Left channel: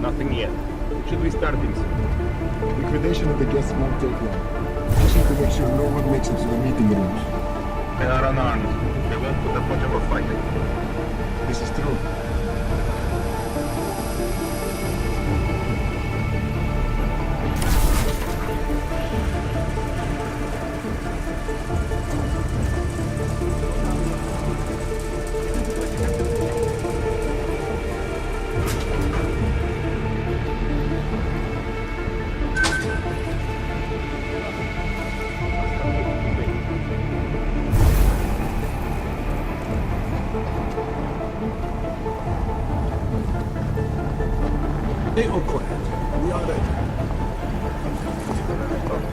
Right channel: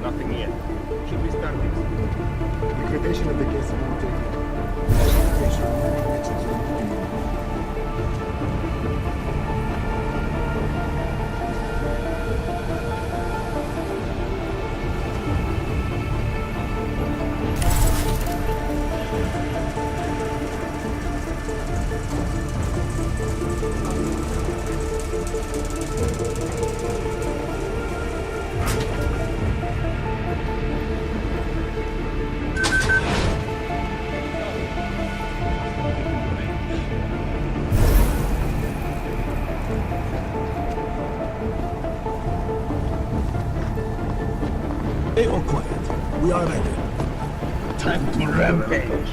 Nothing yet. We should be starting soon. Liquidation of the guests won't take long. I just have to make sure no one makes it to the meeting room. They are unarmed. They won't put up much of a fight. This is true. Stay all quiet. We are ready. Time to rampage.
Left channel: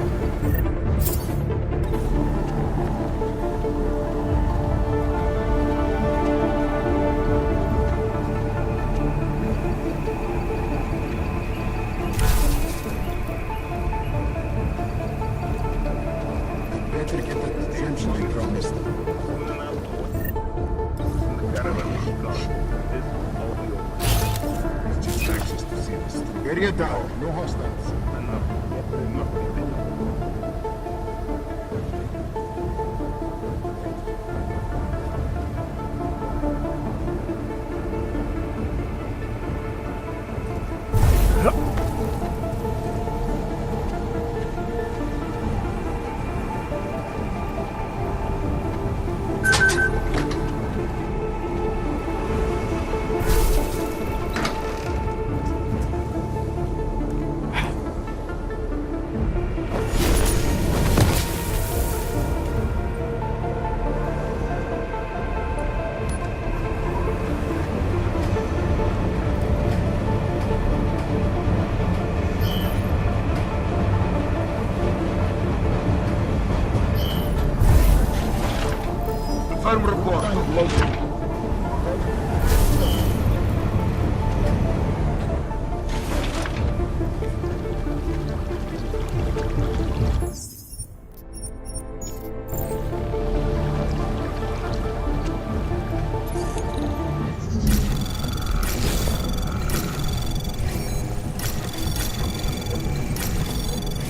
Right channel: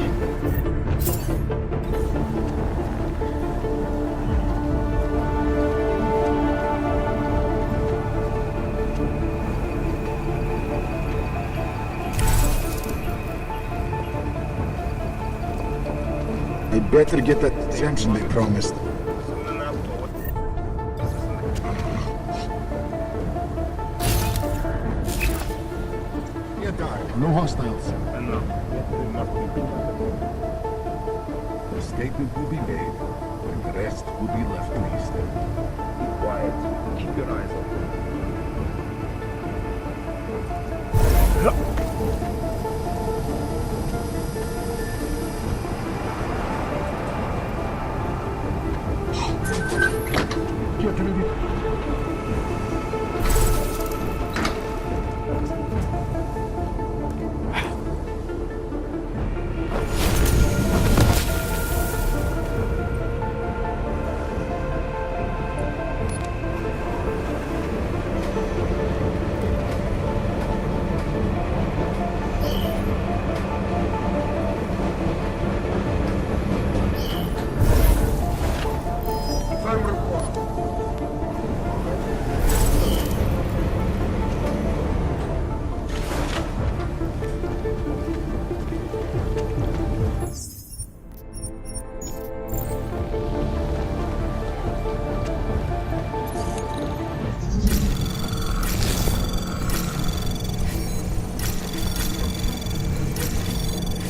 They better get that exemption they promised. Area down. No hostiles. No, there must be bigger. The statement will be made. The rest will be left to be studied. Be quiet. Keep your eyes open. Firm report.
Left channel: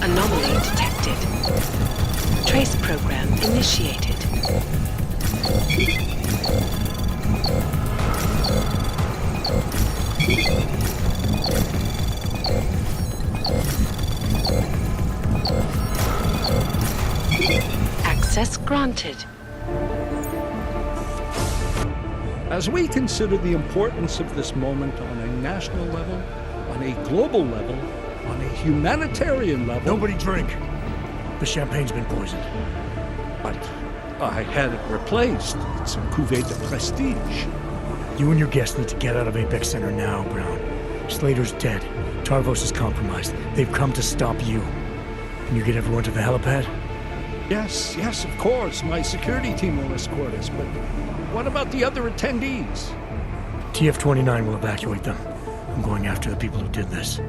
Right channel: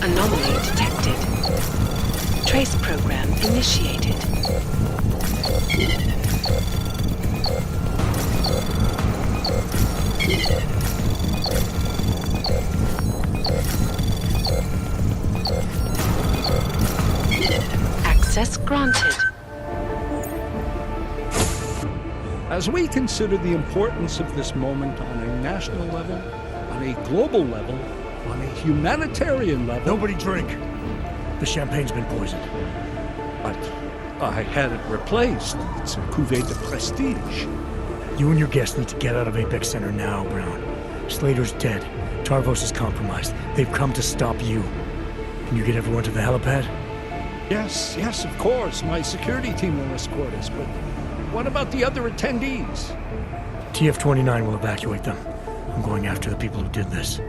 Anomaly detected. Trace program initiated. Access granted. As we consider the importance of this moment on a national level, on a global level, on a humanitarian level... Nobody drink. The champagne's been poisoned. But I had it replaced. It's a cuvée de prestige. You and your guests need to get out of Apex Center now, Brown. Slater's dead. Tarvos is compromised. They've come to stop you. Can you get everyone to the helipad? Yes, of course. My security team will escort us, but what about the other attendees? TF-29 will evacuate them. I'm going after the people who did this.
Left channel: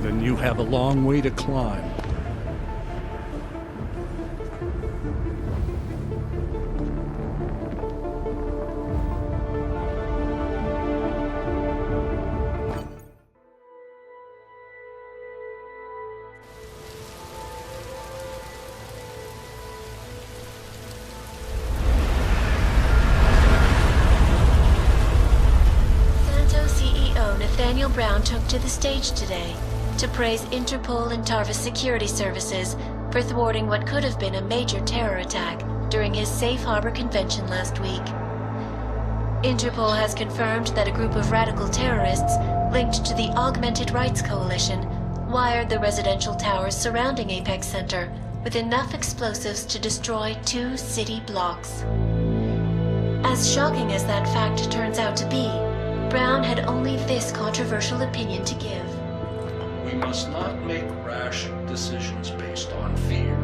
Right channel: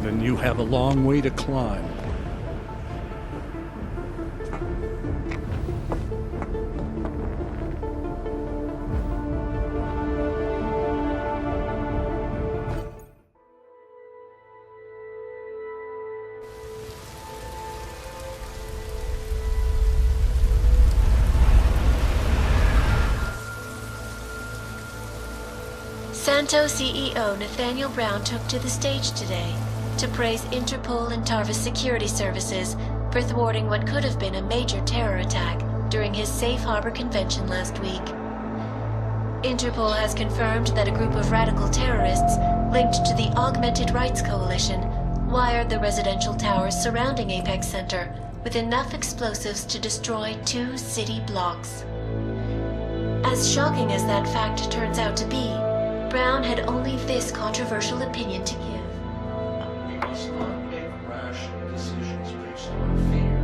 Then you have a long way to climb. Santo CEO Nathaniel Brown took to the stage today to praise Interpol and Tarvis security services for thwarting what could have been a major terror attack during his Safe Harbor convention last week. Interpol has confirmed that a group of radical terrorists linked to the Augmented Rights Coalition wired the residential towers surrounding Apex Center with enough explosives to destroy 2 city blocks. As shocking as that fact turns out to be, Brown had only this controversial opinion to give. We must not make rash decisions based on fear,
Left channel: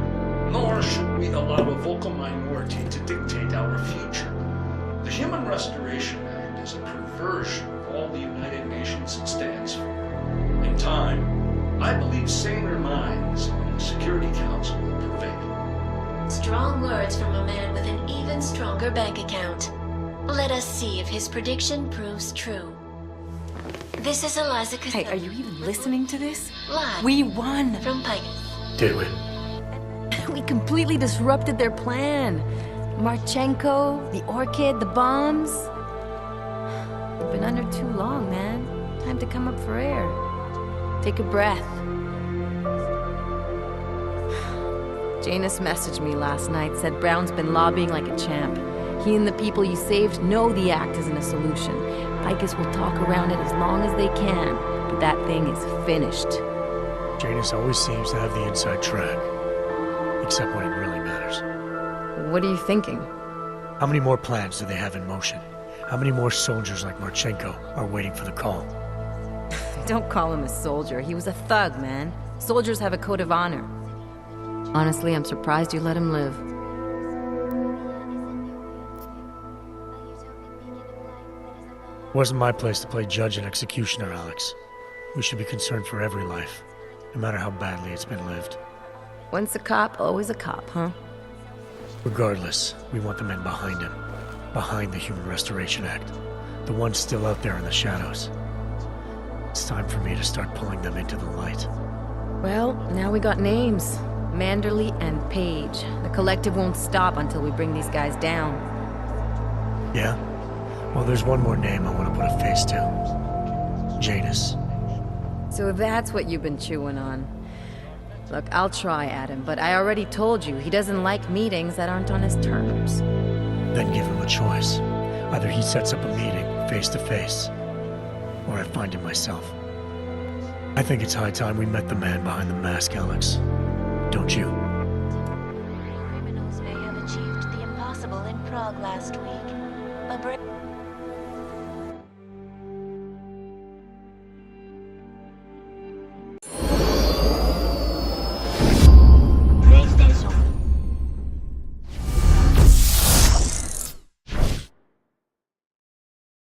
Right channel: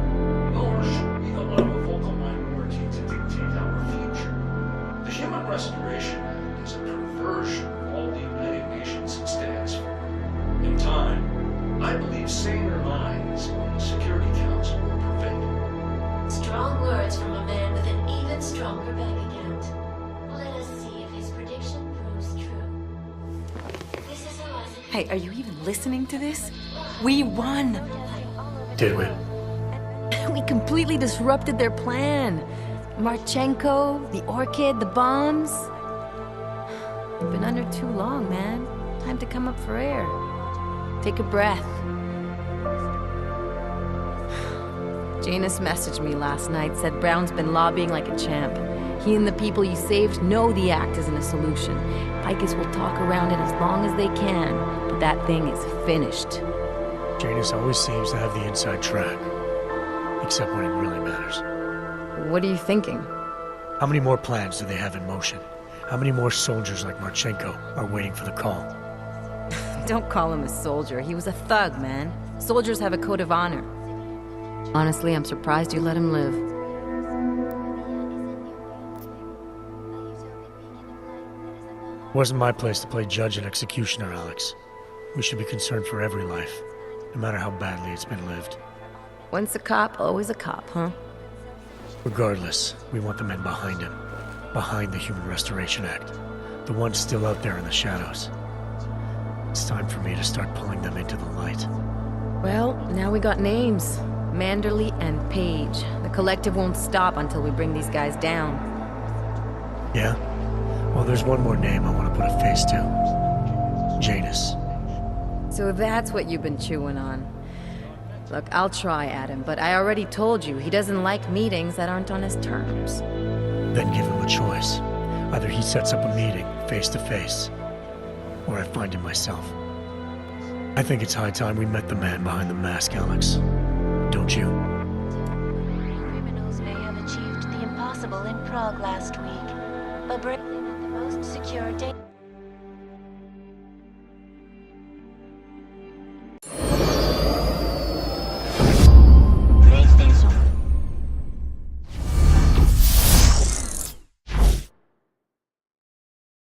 nor should we allow a vocal minority to dictate our future. The Human Restoration Act is a perversion of all the United Nations stands for. In time, I believe saner minds on the Security Council will prevail. Strong words from a man with an even stronger bank account. Let us see if his prediction proves true. This is Eliza Hey, are you even listening to this? Live We won! from Pike. Did we? We completely disrupted their plan. Marchenko, the Orchid, the bombs. You've been under too long, man. Time to come up for air. Take a breath. Janus messaged me last night, said Brown's been lobbying like a champ. He and the people you saved know the act isn't a solution. Picus will talk around it as long as they can, but that thing is finished. Janus always seems to have the inside track. Except when it really matters. What are you thinking? How many more plans do they have in motion? How many more soldiers like Marchenko are waiting for the call? Don't call him a soldier. He was a thug, man. Soldiers have a code of honor. Honestly, I'm surprised you let him live. Wasn't my place to play judge and executioner, Alex. We should be concerned for every life, no matter how badly it's been lived. Once a cop, always a cop, huh? Regardless, we want the men behind him. Behind the Human Restoration Act. The ones still out there in the shadows. It's time for me to start pulling them into the light. Well, now we got names. Manderley and Page. The collective won't stop until we bring these guys down. Yeah? Well, there's one more name I want to put a face to. Janus. So that's what you've been chewing on. Look, I'll try, Adam, but I already told you he doesn't like meetings that aren't on his terms. Then give him a choice. Either he sets up a meeting, face to face, or I find him myself. I think it's high time we met the man behind the mask, Alex. Don't you? Criminals may have achieved the impossible in Prague last week. A break most secure date.